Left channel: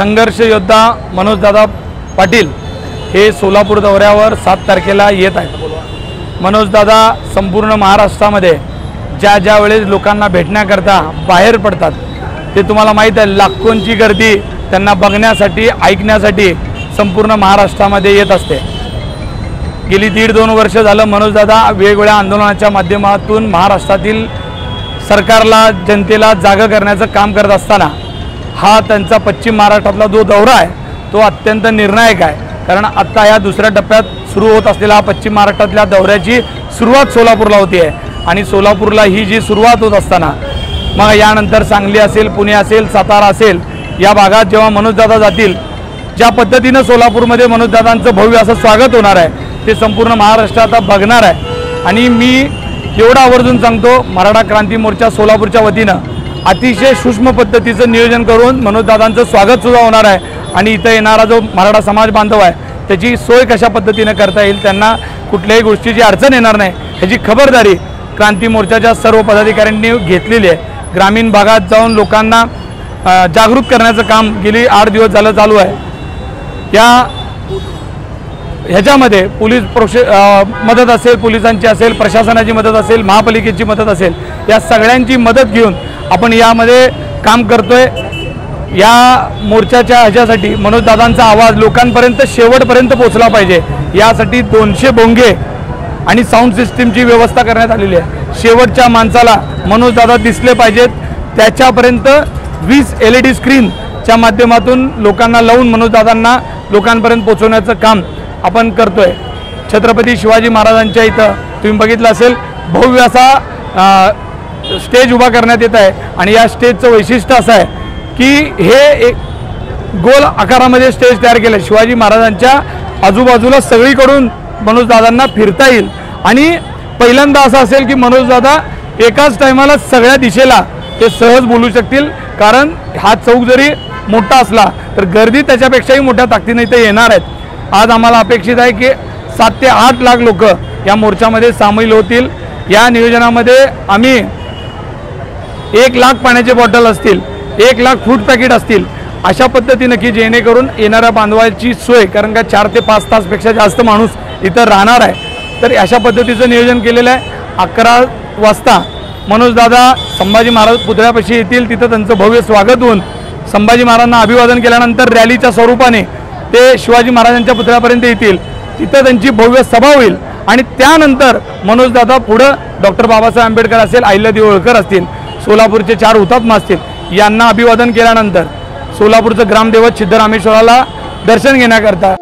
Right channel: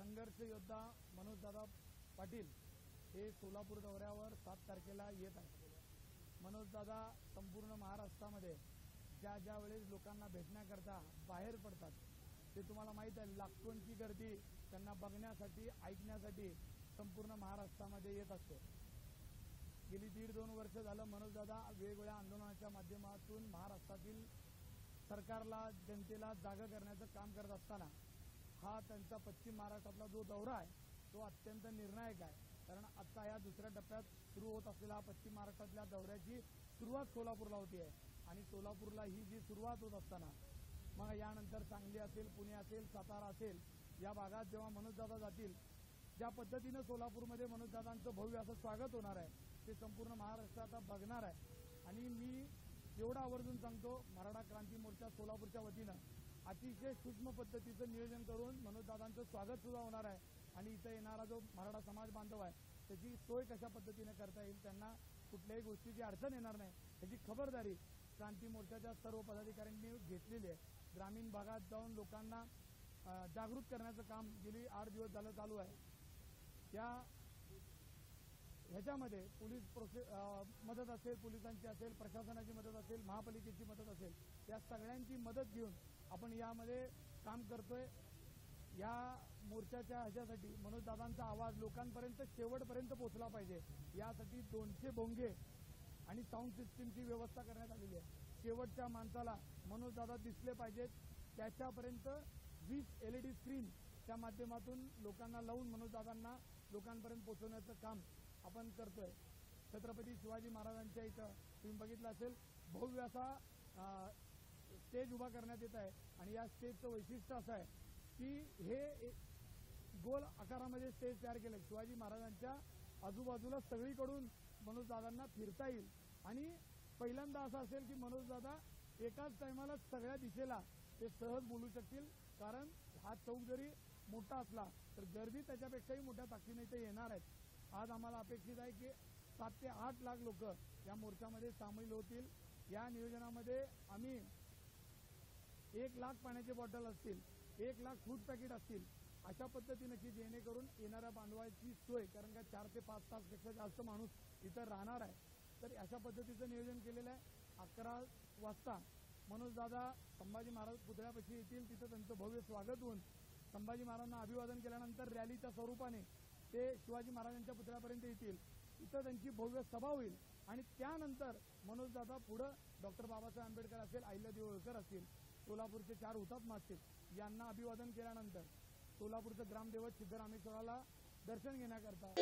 संघर्ष योद्धा मनोजदादा पाटील हे सोलापूर दौऱ्यावर 7 तारखेला येत आहेत। मनोजदादा संपूर्ण महाराष्ट्रामध्ये ज्या वेळेस लोकांना भेटण्याकरता बाहेर पडतात ते तुम्हाला माहीत आहे, लाखोंची गर्दी त्यांना बघण्यासाठी ऐकण्यासाठी संपूर्ण महाराष्ट्रामध्ये येत असते। गेली 1.5-2 वर्ष झालं मनोजदादा वेगवेगळ्या आंदोलनाच्या माध्यमातून महाराष्ट्रातील सरकारला जनतेला जागा करण्याचं काम करत असताना हा त्यांचा पश्चिम महाराष्ट्रातला जो दौरा आहे तो अत्यंत निर्णायक आहे। कारण आता या दुसऱ्या टप्प्यात सुरू होत असलेला हा पश्चिम महाराष्ट्रातल्या दौऱ्याची सुरुवात सोलापूरला होती आहे आणि सोलापूरला ही जी सुरुवात होत असताना मग यानंतर सांगली असेल, पुणे असेल, सातारा असेल, या भागात जेव्हा मनोजदादा जातील, ज्या पद्धतीने सोलापूरमध्ये मनोजदादांचं भव्य असं स्वागत होणार आहे ते संपूर्ण महाराष्ट्र आता बघणार आहे। आणि मी एवढा आवर्जून सांगतो, मराठा क्रांती मोर्चा सोलापूरच्या वतीनं अतिशय सूक्ष्म पद्धतीचं नियोजन करून मनोजदादांचं स्वागत सुद्धा होणार आहे आणि इथं येणारा जो मराठा समाज बांधव आहे त्याची सोय कशा पद्धतीने करता येईल, त्यांना कुठल्याही गोष्टीची अडचण येणार नाही ह्याची खबरदारी क्रांती मोर्चाच्या सर्व पदाधिकाऱ्यांनी घेतलेली आहे। ग्रामीण भागात जाऊन लोकांना जागृत करण्याचं काम गेली 8 दिवस झालं चालू आहे। ह्याच्यामध्ये पोलीस मदत असेल, पोलिसांची असेल, प्रशासनाची मदत असेल, महापालिकेची मदत असेल, या सगळ्यांची मदत घेऊन आपण यामध्ये काम करतोय। या मोर्चाच्या ह्याच्यासाठी मनोजदादांचा आवाज लोकांपर्यंत शेवटपर्यंत पोहोचला पाहिजे, यासाठी 200 भोंगे आणि साऊंड सिस्टीमची व्यवस्था करण्यात आलेली आहे। शेवटच्या माणसाला मनोजदादा दिसले पाहिजेत, त्याच्यापर्यंत 20 LED स्क्रीनच्या माध्यमातून लोकांना लावून मनोजदादांना लोकांपर्यंत पोहोचवण्याचं काम आपण करतोय। छत्रपती शिवाजी महाराजांच्या इथं तुम्ही बघितलं असेल भव्य असा स्टेज उभा करण्यात येत आहे आणि या स्टेजचं वैशिष्ट्य असं आहे की हे एक गोल आकारामध्ये स्टेज तयार केलं। शिवाजी महाराजांच्या आजूबाजूला सगळीकडून मनोजदादांना फिरता येईल आणि पहिल्यांदा असं असेल की मनोजदादा एकाच टायमाला सगळ्या दिशेला ते सहज बोलू शकतील, कारण हा चौक जरी मोठा असला तर गर्दी त्याच्यापेक्षाही मोठ्या ताकदीने इथे येणार आहेत। आज आम्हाला अपेक्षित आहे की 7 ते 8 लाख लोक या मोर्चामध्ये सामील होतील। या नियोजनामध्ये आम्ही 1 लाख पाण्याचे बॉटल असतील, 1 लाख फूड पॅकेट असतील, अशा पद्धतीने की जेणेकरून येणाऱ्या बांधवांची सोय, कारण का 4 ते 5 तासपेक्षा जास्त माणूस इथं राहणार आहे, तर अशा पद्धतीचं नियोजन केलेलं आहे। 11 वाजता मनोजदादा संभाजी महाराज पुतळ्यापाशी येतील, तिथं त्यांचं भव्य स्वागत होऊन संभाजी महाराजांना अभिवादन केल्यानंतर रॅलीच्या स्वरूपाने ते शिवाजी महाराजांच्या पुतळ्यापर्यंत येतील, तिथं त्यांची भव्य सभा होईल आणि त्यानंतर मनोजदादा पुढं डॉक्टर बाबासाहेब आंबेडकर असेल, अहिल्यादेवी होळकर असतील, सोलापूरचे 4 हुतात्मा असतील, यांना अभिवादन केल्यानंतर सोलापूरचं ग्रामदैवत सिद्धरामेश्वराला दर्शन घेण्याकरता